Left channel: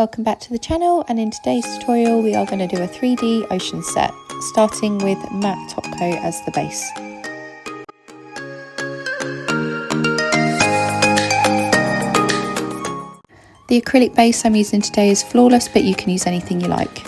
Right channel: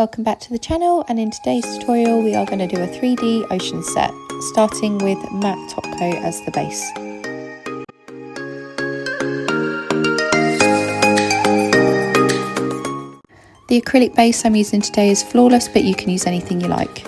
welcome back to the channel, and in today's tutorial we are going to do a 3D ocean set, starting with matte top coat as the base. The acrylic base I'm using today is Flawless, but you can use anything you like.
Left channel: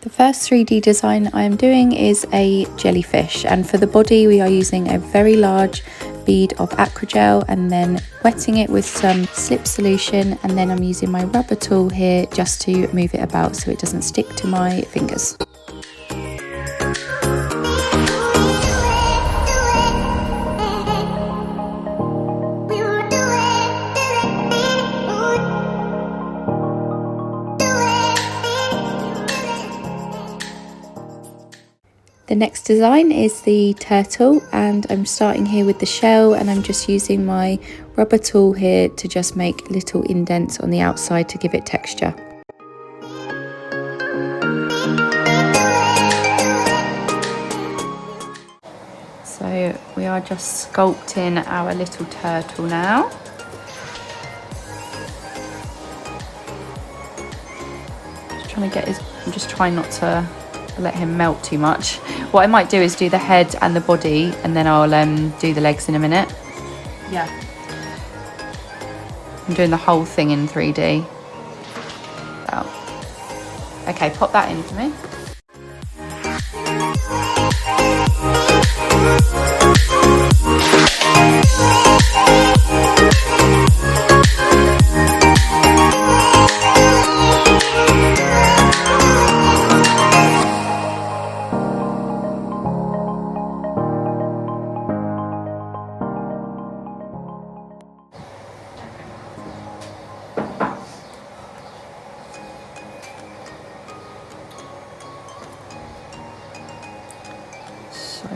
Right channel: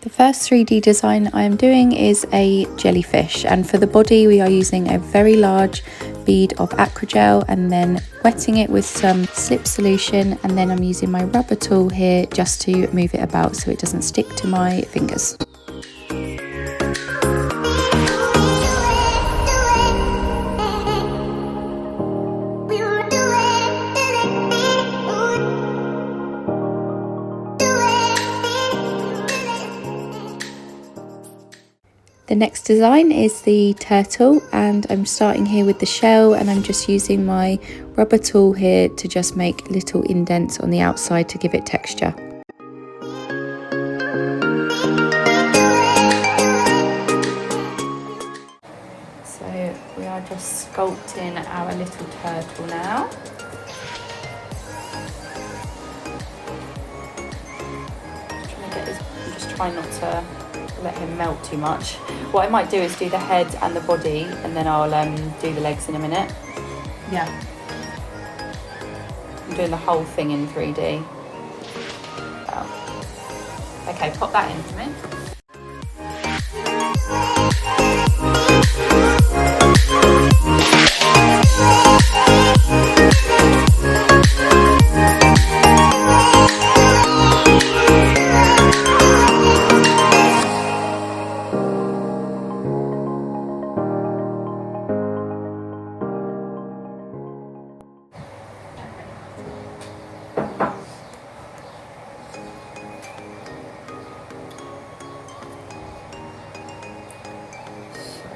The first 3D design I am doing is a jellyfish, and for the body we are using a very large bead of Acrygel and then wetting it with some slip solution, and then I'm using my rubber tool here just to move it about so it doesn't stick to my fingers. The next design is the turtle, and I'm starting here with the shell, and I'm just using my rubber tool here to just make little indents on the outside to give it texture. So we are just sculpting our little turtle now. I'm just trying not to let him melt too much. What I might do is do the head and the body, and then I'll do the legs in a minute. Yeah, I'm doing the whole thing in 3D. Oh. Okay, pop that in for me.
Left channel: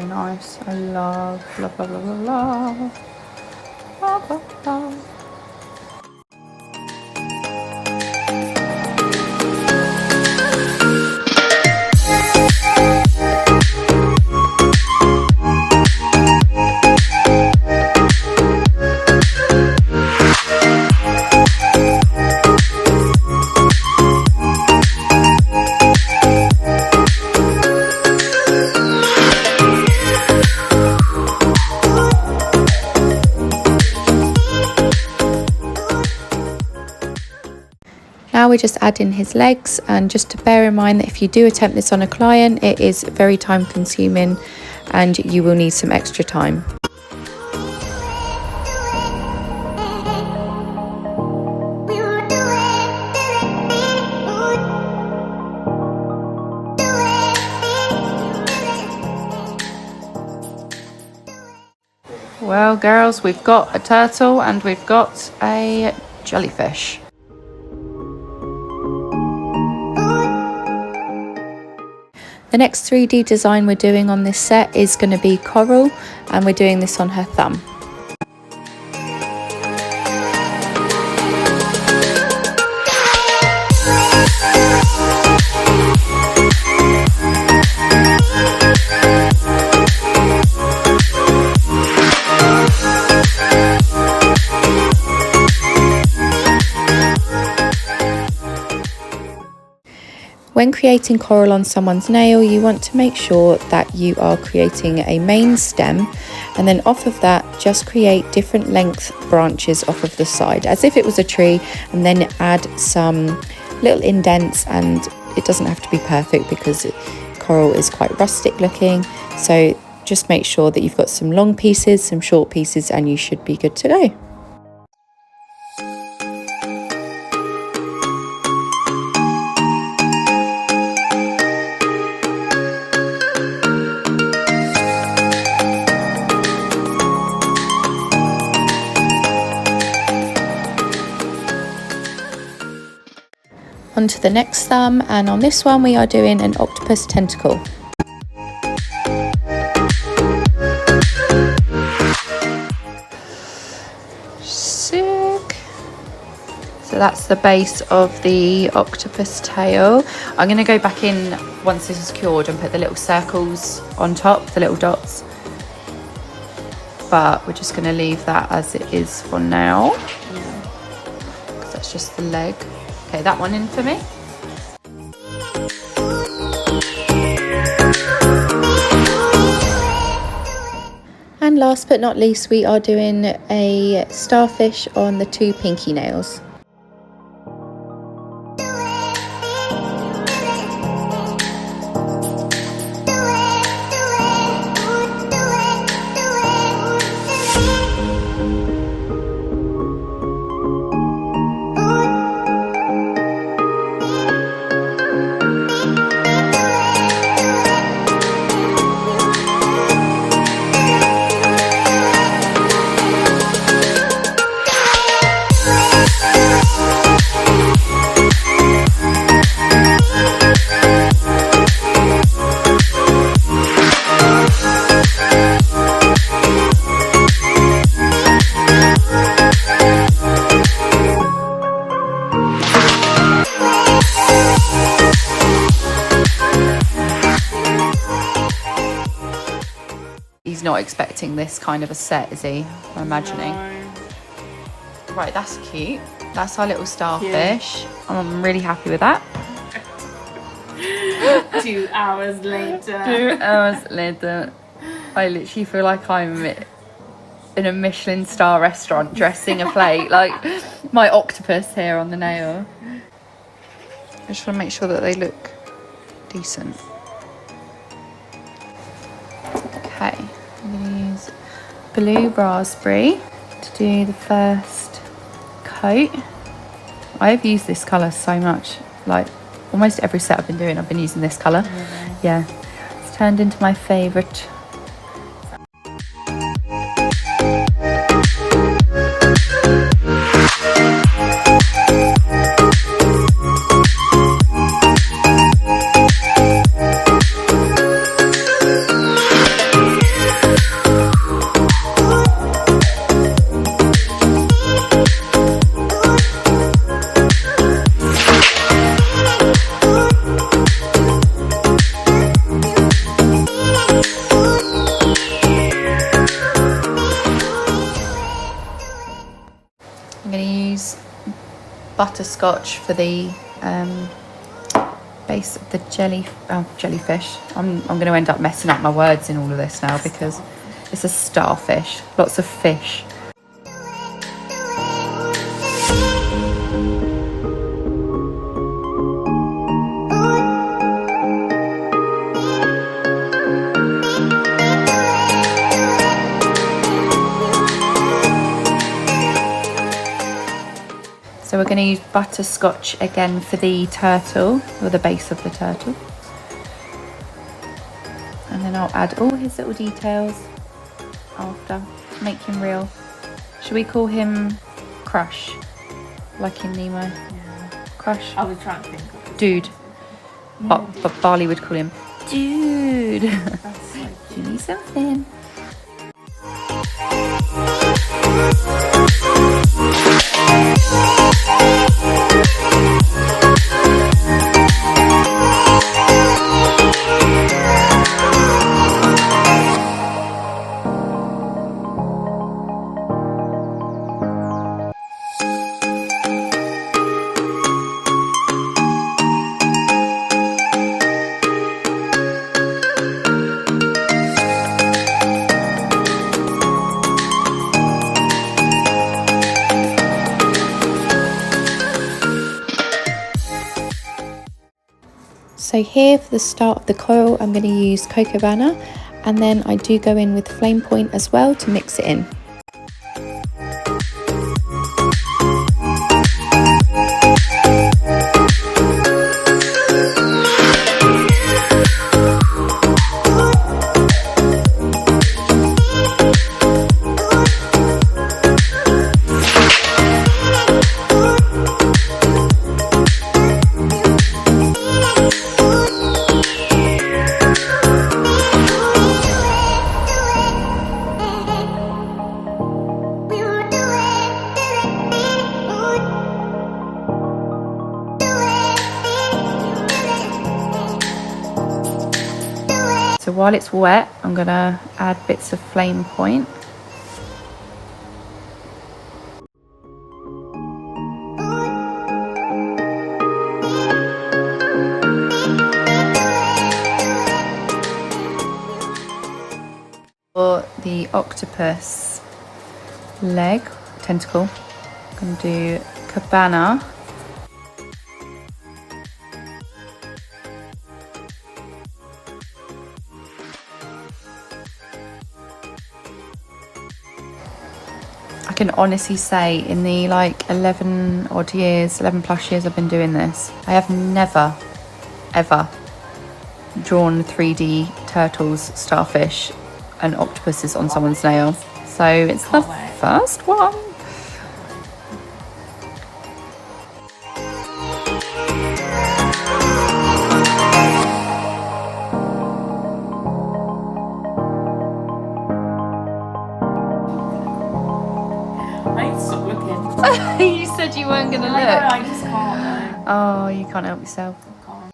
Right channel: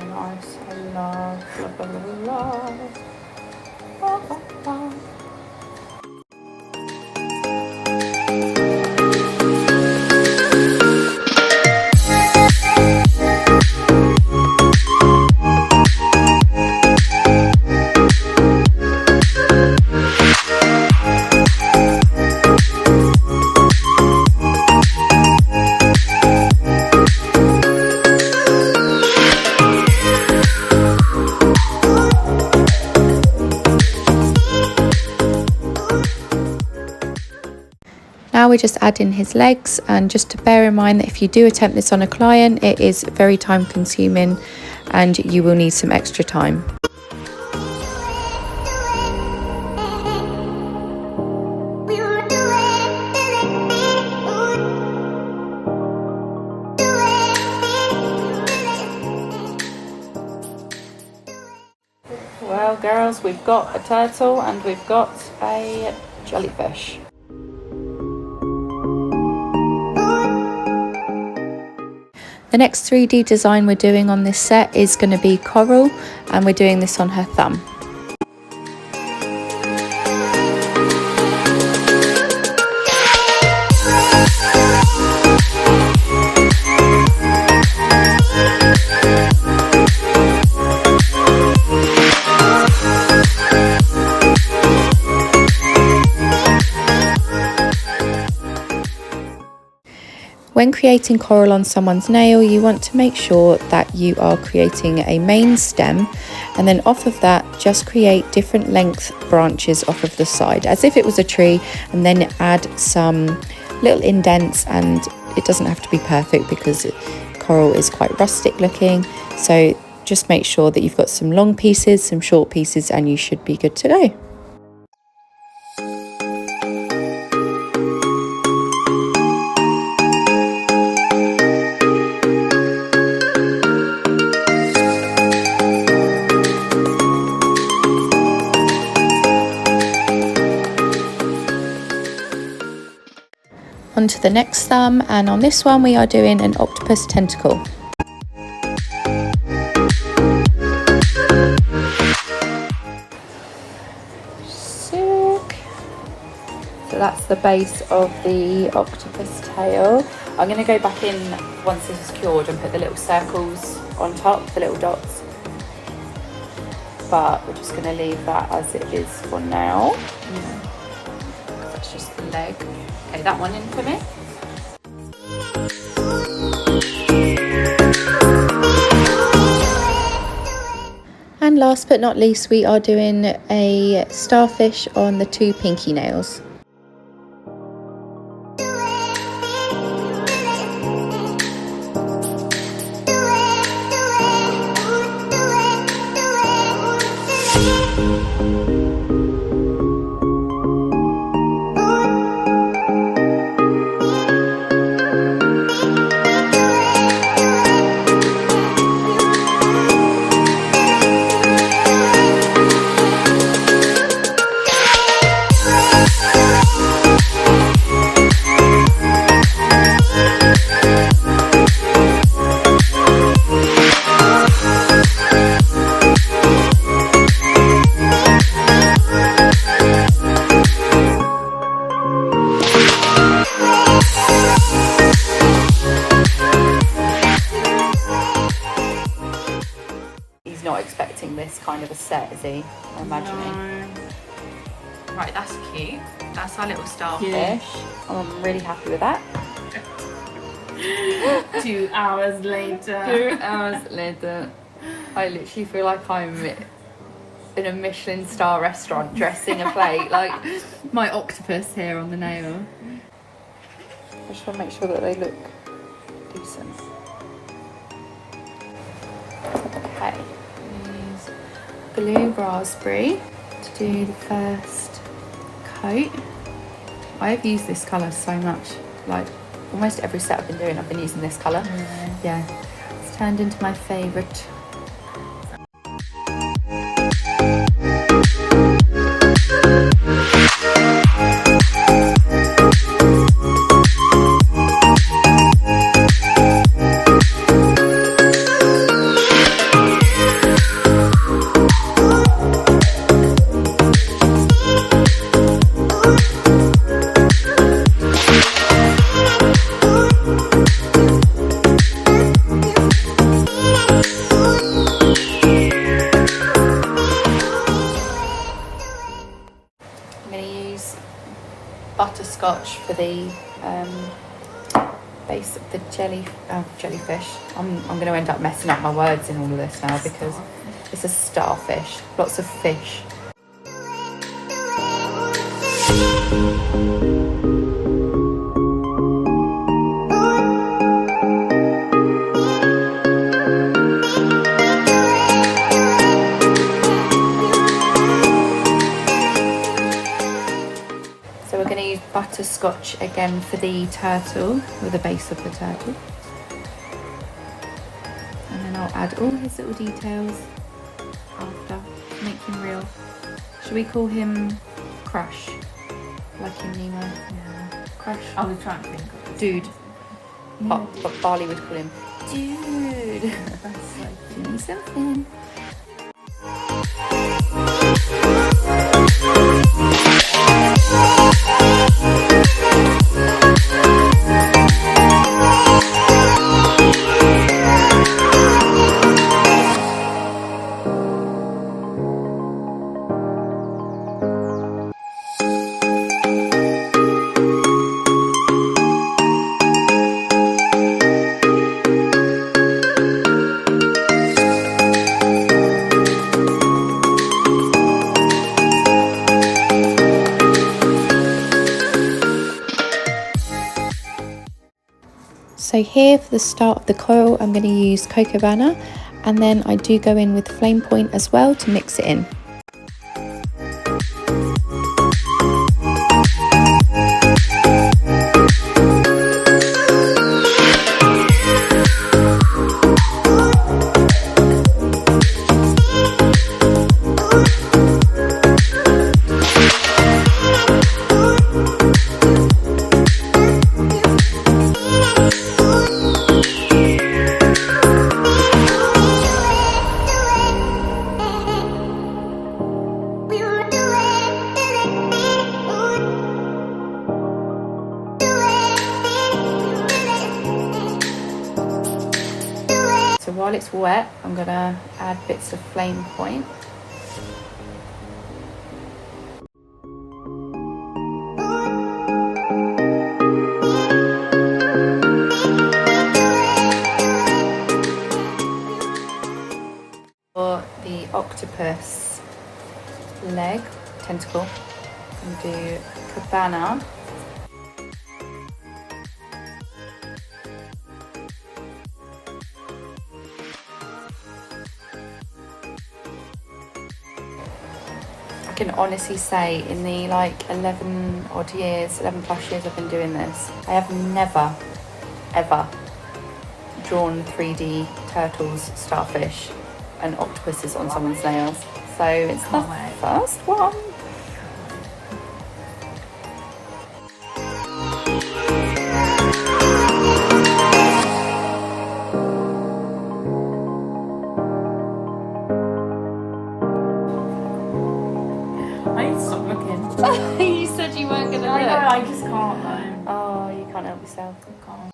Nice, I love, blah, blah, blah, blah, blah, blah, blah. Now we're just adding his legs, and just to bear in mind that if you do attempt this on a client, it is very time consuming and you will need some extra time. Well girls, we've got a turtle and we've got a jellyfish. The next 3D design we're doing on this set is going to be coral, and we're doing this on her thumb. When creating coral on someone's nail, you want to make sure that you are creating a main stem, and then off of that just create different length branches off of the side as if it was a tree, and then add some little indents. And it doesn't have to be perfect because coral is quite rustic looking, so just make sure that you've got some long pieces, some short pieces, and you should be good to go. Onto the next thumb, and on this one we are doing an octopus tentacle. So that's the base of the octopus tail. I'm going to go back in once this is cured and put the little circles on top, the little dots. But we're just going to leave that as it is for now. Yeah. So it's just the leg. Okay, that one in for me. And last but not least, we are doing a starfish on the two pinky nails. He's not expecting this kind of a set, is he? I'm imagining. No. Right, that's cute. That's our little starfish. I'm really happy with that. 2 hours later. 2 hours later. I literally feel like I'm in a Michelin star restaurant dressing a plate. Like my octopus here on the nail. I just want to make sure that they look decent. Okay. Use blue raspberry to do the first coat. I've used this colour so much, like almost every set I've been using this colour. Yeah, it's turned into my favourite. Butterscotch for the base of the jellyfish. I'm going to end up messing up my words in all of this now because it's a starfish, lots of fish. So we're going to use butterscotch again for the turtle, or the base of the turtle. And then I'll add all his little details after to make him real. Should we call him Crush? Like in Nemo? Yeah. Crush? I was trying to think of this. Dude. Yeah, But Barley would call him Dude. That's so Give cute. me something. So here for the start of the coil, I'm going to use Cocobana, and then I do go in with flame point as well to mix it in. while it's wet, I'm gonna add bits of flame point. For the octopus leg, tentacle, I'm gonna do Cocobana. I can honestly say in the like 11 odd years, 11 plus years I've been doing this, I have never, ever drawn 3D turtles, starfish and octopuses on someone's nails. So it's the first one. I need to stop looking. You said you weren't gonna I look. know, I just can't though. Oh, you can't help yourself. I can't.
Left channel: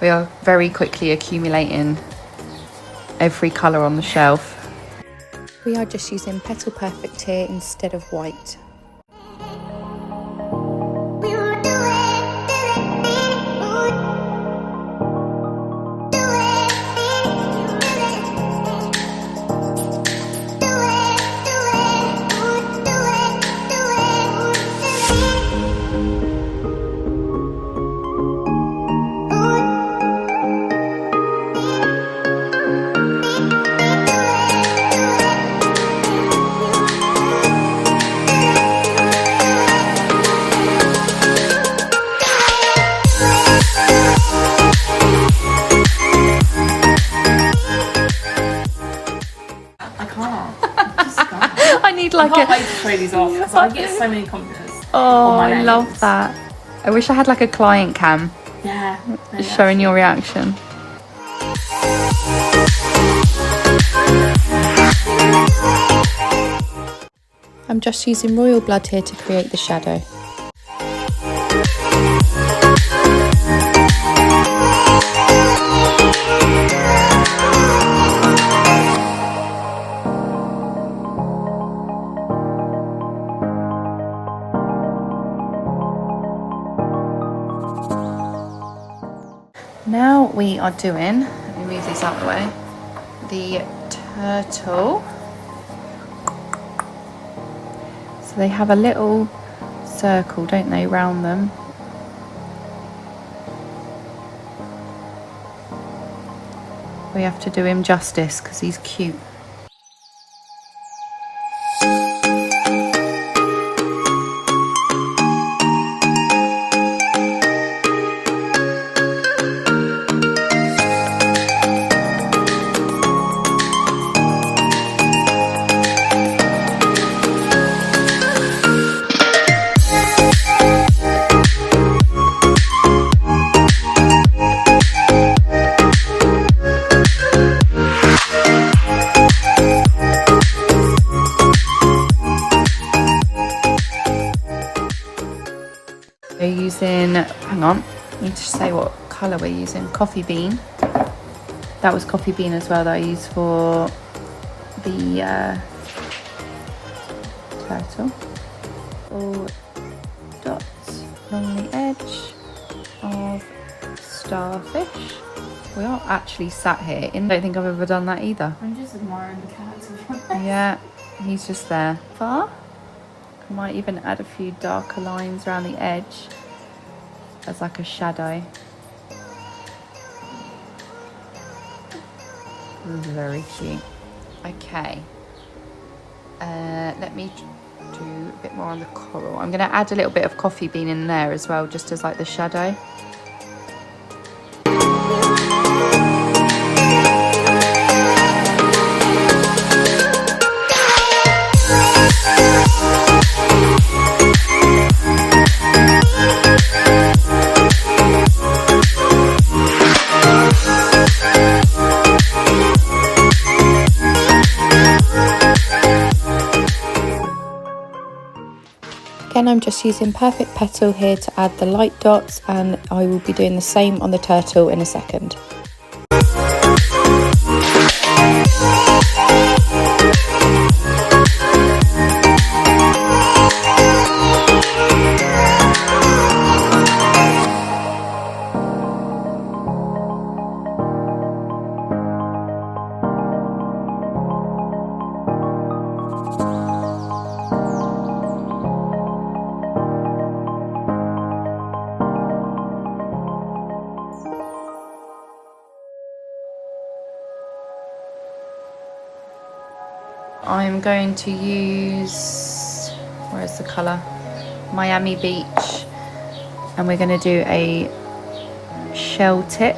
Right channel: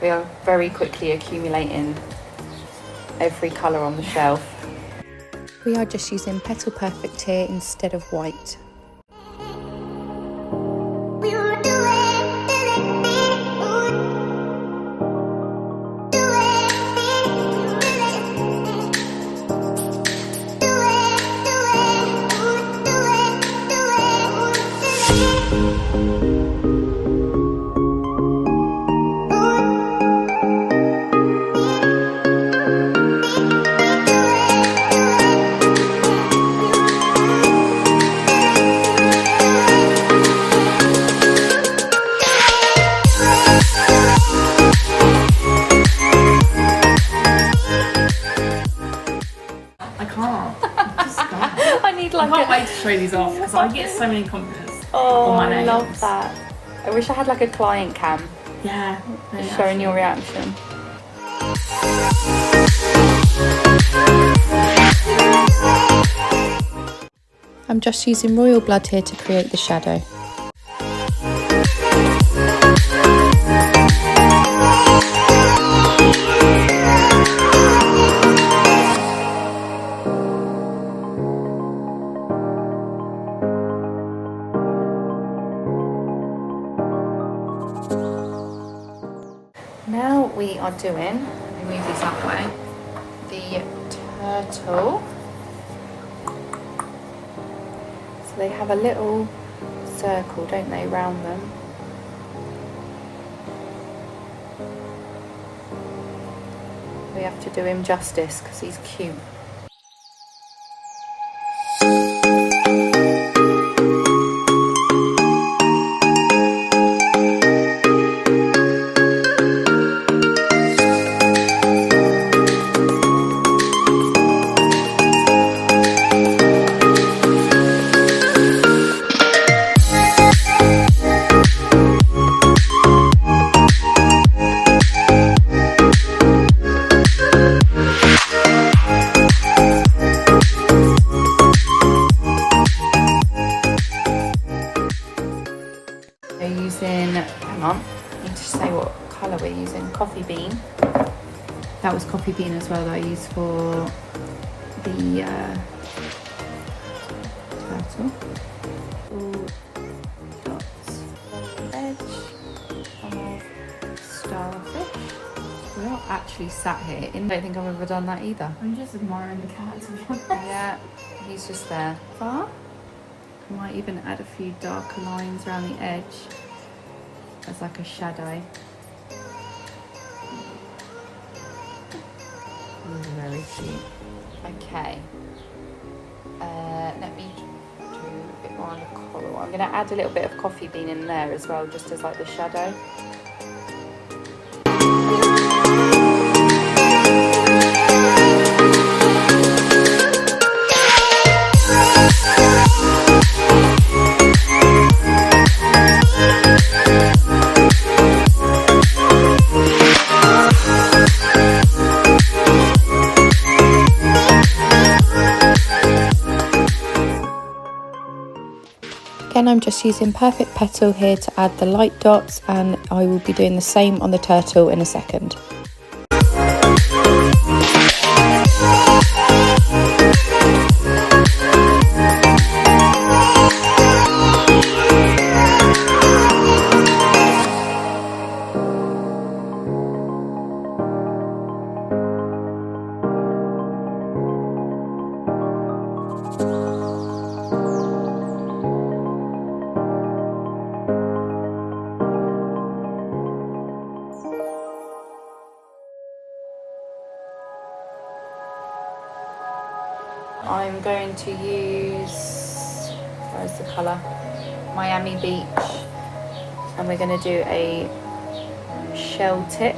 We are very quickly accumulating every colour on the shelf. We are just using Petal Perfect here instead of white. I can't wait to show these off because I get so many compliments on my nails. I love that. I wish I had like a client cam. Yeah. Showing your reaction. I'm just using royal blood here to create the shadow. Now we are doing, let me move this out of the way, the turtle. So they have a little circle, don't they, round them. We have to do him justice because he's cute. Hang on, I need to say what colour we're using. Coffee bean. That was coffee bean as well that I used for the turtle. All dots along the edge of Starfish. We are actually sat here. I don't think I've ever done that either. I'm just admiring the cat, to be honest. Yeah, he's just there. I might even add a few darker lines around the edge as like a shadow. Very cute. Okay. Let me do a bit more on the coral. I'm going to add a little bit of coffee bean in there as well, just as like the shadow. Again, I'm just using Perfect Petal here to add the light dots, and I will be doing the same on the turtle in a second. I'm going to use, where's the colour? Miami Beach, and we're going to do a shell tip.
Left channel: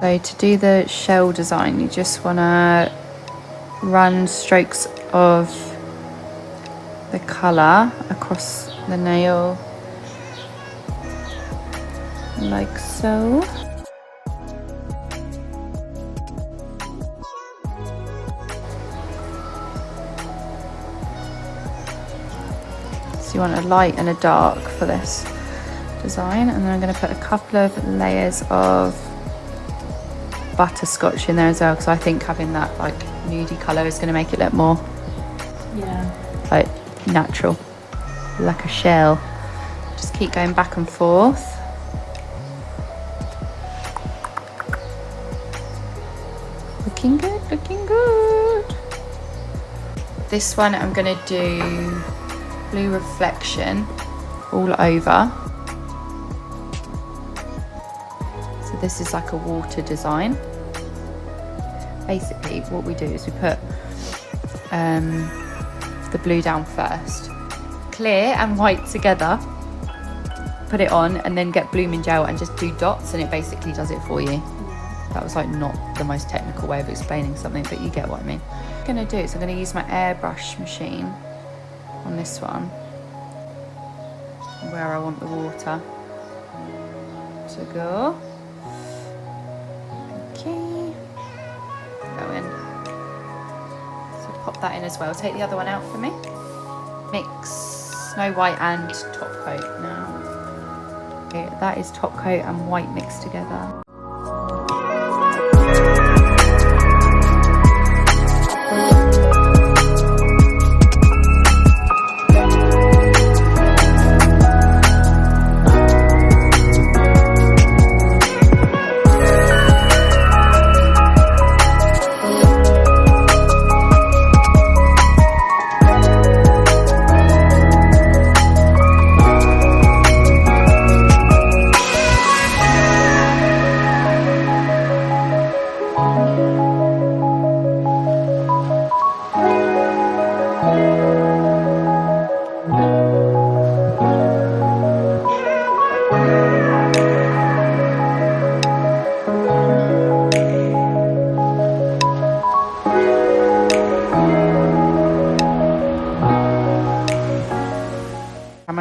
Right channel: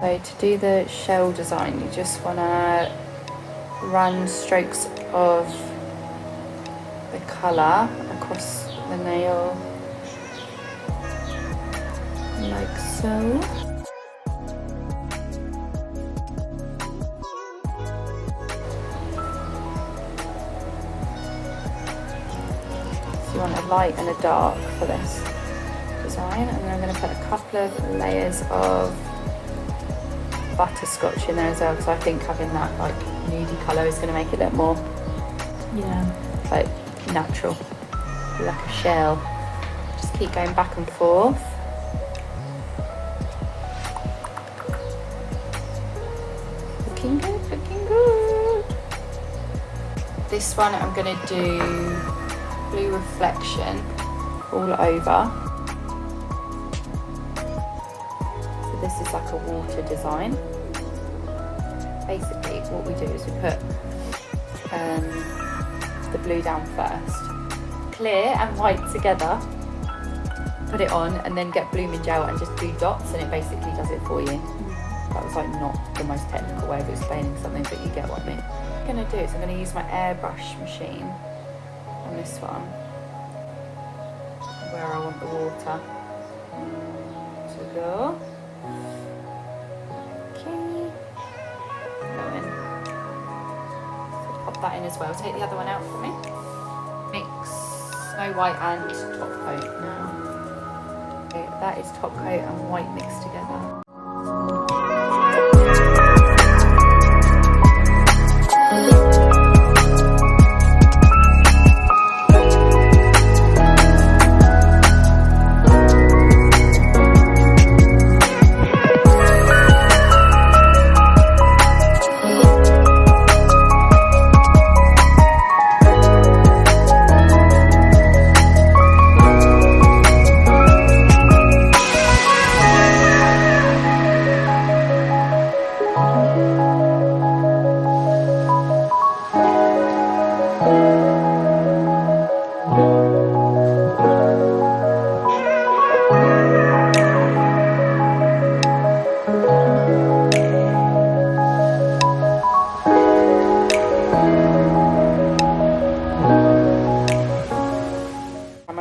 So to do the shell design, you just want to run strokes of the colour across the nail, like so. So you want a light and a dark for this design, and then I'm going to put a couple of layers of butterscotch in there as well, because I think having that like nudie colour is going to make it look more like natural, like a shell. Just keep going back and forth. Looking good, looking good. This one I'm going to do blue reflection all over. So this is like a water design. Basically what we do is we put the blue down first, clear and white together, put it on, and then get blooming gel and just do dots, and it basically does it for you. That was like not the most technical way of explaining something, but you get what I mean. What I'm going to do is I'm going to use my airbrush machine on this one, where I want the water to go. That in as well. Take the other one out for me. Mix Snow White and top coat now. Okay, that is top coat and white mixed together.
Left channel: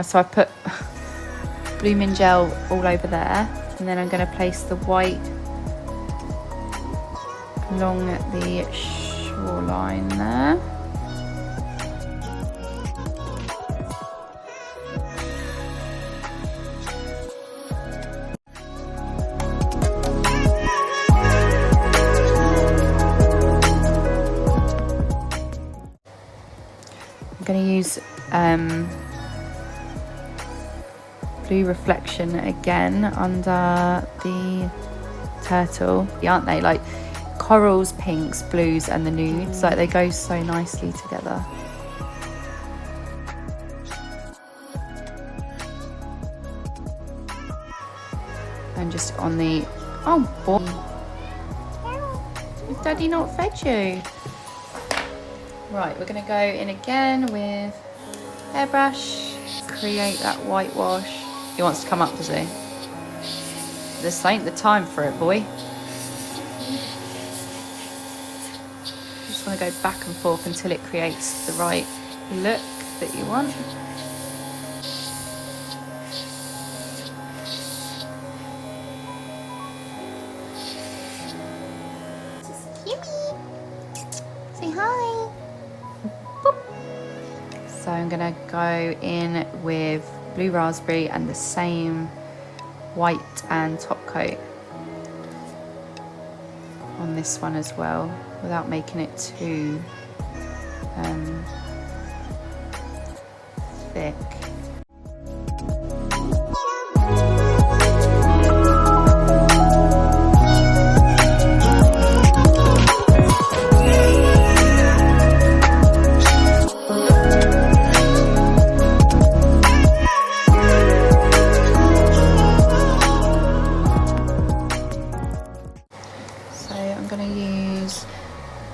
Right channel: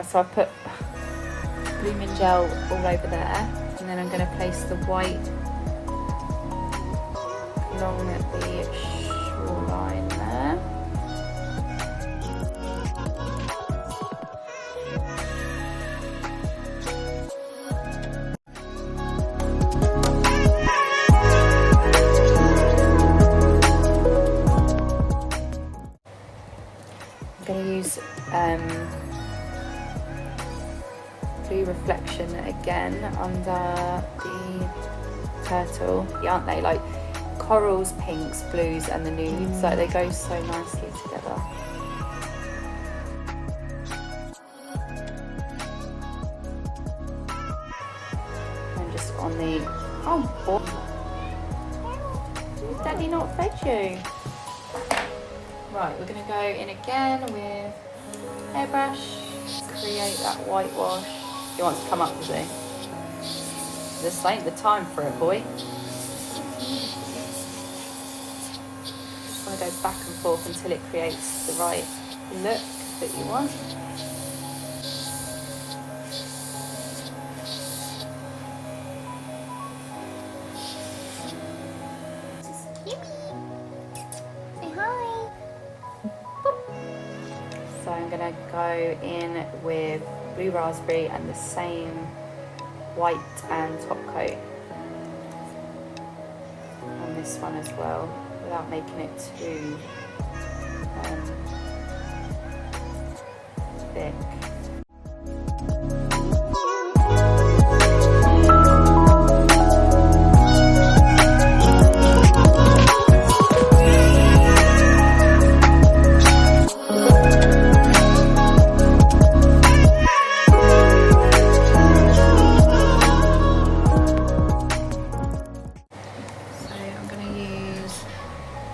So I put blooming gel all over there, and then I'm going to place the white along the shoreline there. I'm going to use blue reflection again under the turtle, aren't they? Like corals, pinks, blues and the nudes, like they go so nicely together. Daddy not fed you? Right, we're going to go in again with airbrush, create that whitewash. He wants to come up, does he? This ain't the time for it, boy. Just want to go back and forth until it creates the right look that you want. So I'm going to go in with blue raspberry and the same white and top coat on this one as well, without making it too thick.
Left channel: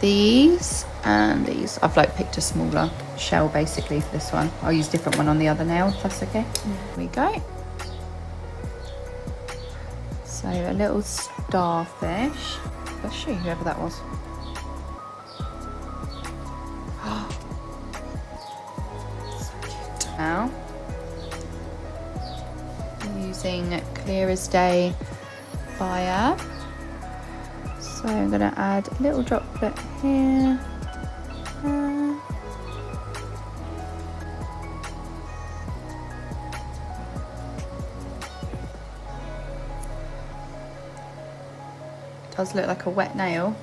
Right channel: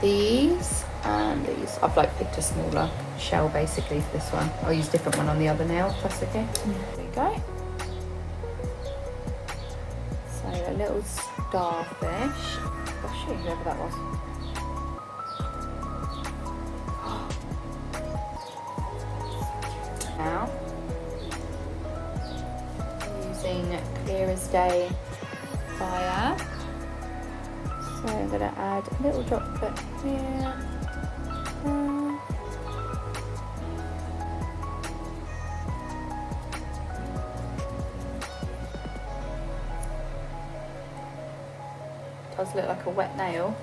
These and these. I've like picked a smaller shell basically for this one. I'll use a different one on the other nail, if that's okay. Yeah. Here we go. So a little starfish. I'll show you whoever that was. Now I'm using Clear as Day BIAB. So I'm going to add a little droplet here. It does look like a wet nail.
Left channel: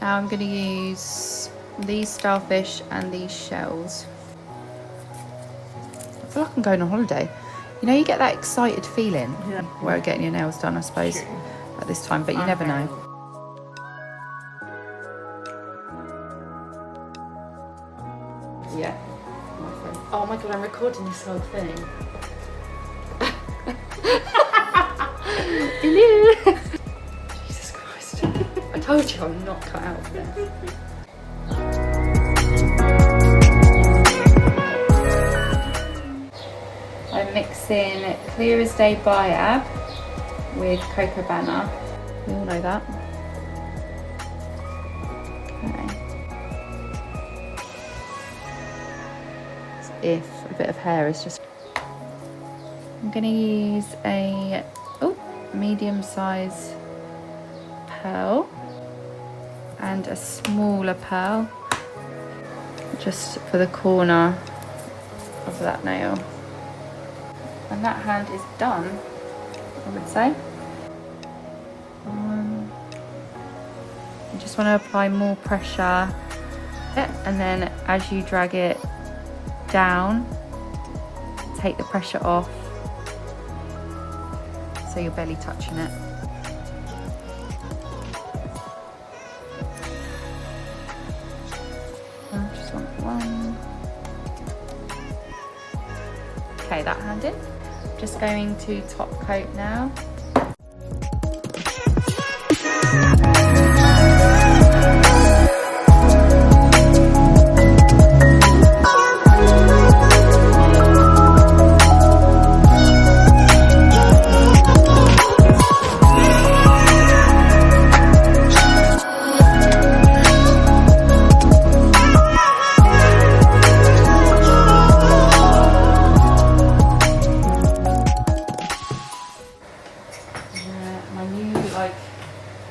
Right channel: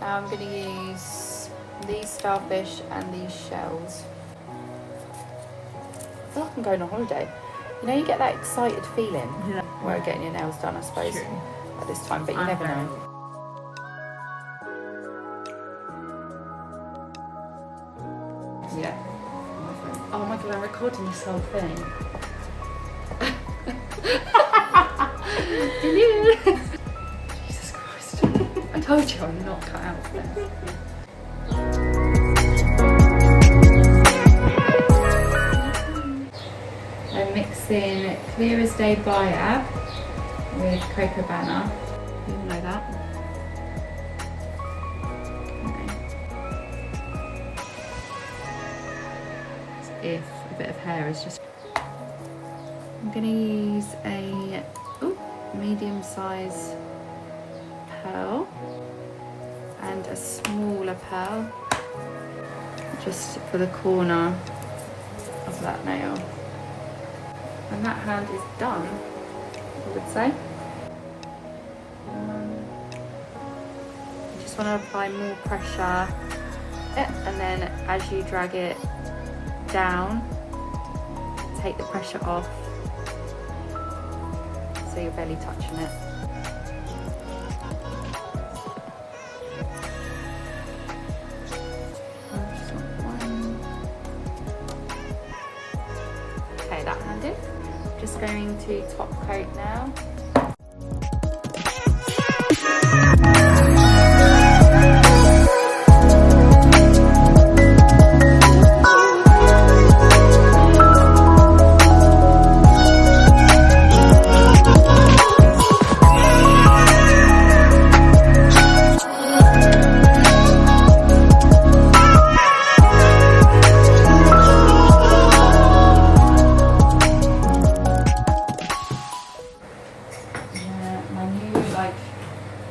Now I'm going to use these starfish and these shells. I feel like I'm going on holiday. You know, you get that excited feeling where getting your nails done, I suppose, at this time, but you never know. Yeah, my friend. Oh my god, I'm recording this whole thing. Jesus Christ. I told you I'm not cut out for this. I'm mixing Clear as Day BIAB with Cocobana. You all know that. If a bit of hair is just... I'm going to use a medium size pearl and a smaller pearl just for the corner of that nail. And that hand is done, I would say. You just want to apply more pressure, and then as you drag it down, take the pressure off so you're barely touching it. Just want one. Okay, that hand in. Just going to top coat now.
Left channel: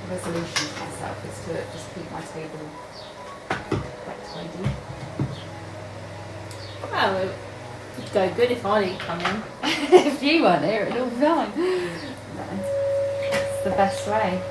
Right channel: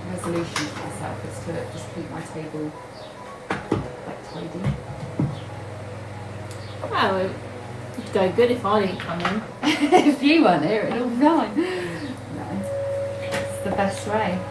Resolution for myself is to just keep my table quite tidy. Well, it'd go good if I didn't come in. If you weren't here, it'd all be fine. No, it's the best way.